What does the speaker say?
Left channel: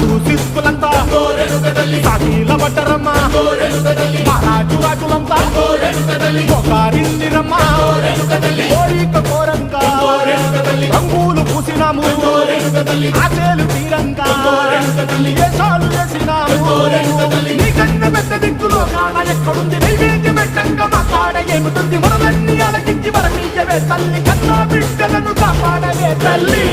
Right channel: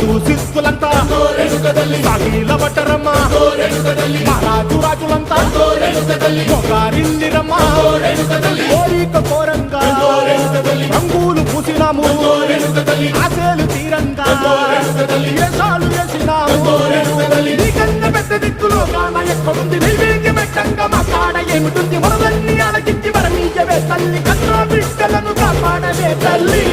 సాధు సిద్ధులంతా సాగిల పట్టరమ్మా మహారాజు రాజులంతా మొగారిల్లిరమ్మా కోరిక కోరంగా రంగులు పూసినాము ఆశలు తీరంగా ఏసాలు వేసినాము నీకన్నా పెద్ద దిక్కులో కాన ఎక్కడుంది నైవేద్యం ఎట్టంగా మా కాడ ఏమిటుంది మనలన్నీ అలకించి మరణీయవే తల్లి కన్నా బిడ్డలను కాపాడవే తల్లి